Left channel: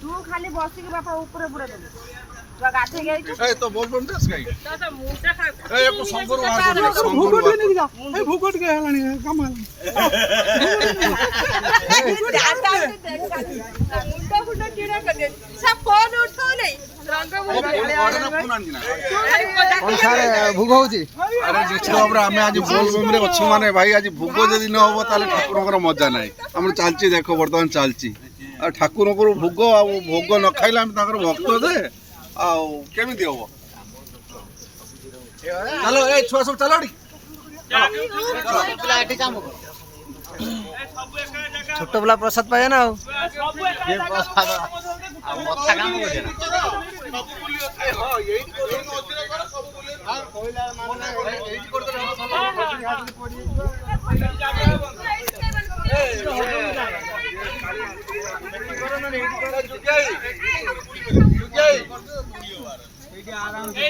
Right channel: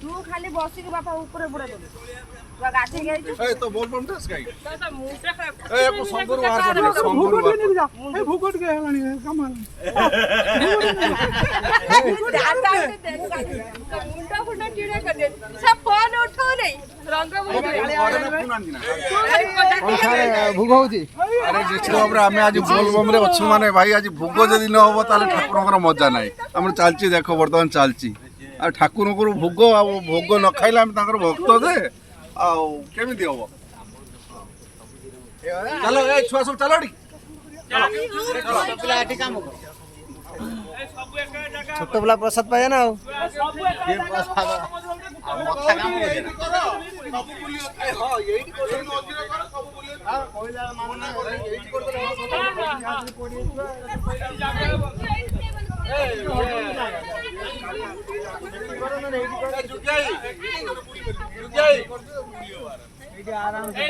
तू खाली बसिक बापा ऊपर बुड़ा दे तू गाथे गई ए तो बोल बम दस गाई तो मुंडा खराब ए को संगुर बाहर कर संगुर बाहर ए भूकट के हलानी कमाल मुंडा फुंडा कीड़ा कर दे सब फोन उठो नहीं रंग अनुसार भोग होची अरे देखो हमरा हमें आज बोल बम रे अच्छो माने भाई आज भोग जदी न होबो ताले ठाकुरकर मजा नाही हम चालची देखो वर्तमान चालची आ ठाकुरकर भोग आ भोग न खाइला हम ताकर भक्त दे आ केमिति होबो चलो ए छुआ सब चलो डी छोट पिला प्रसाद पाए ना सब बोली हां यही हां कोइला मानना यही कर दे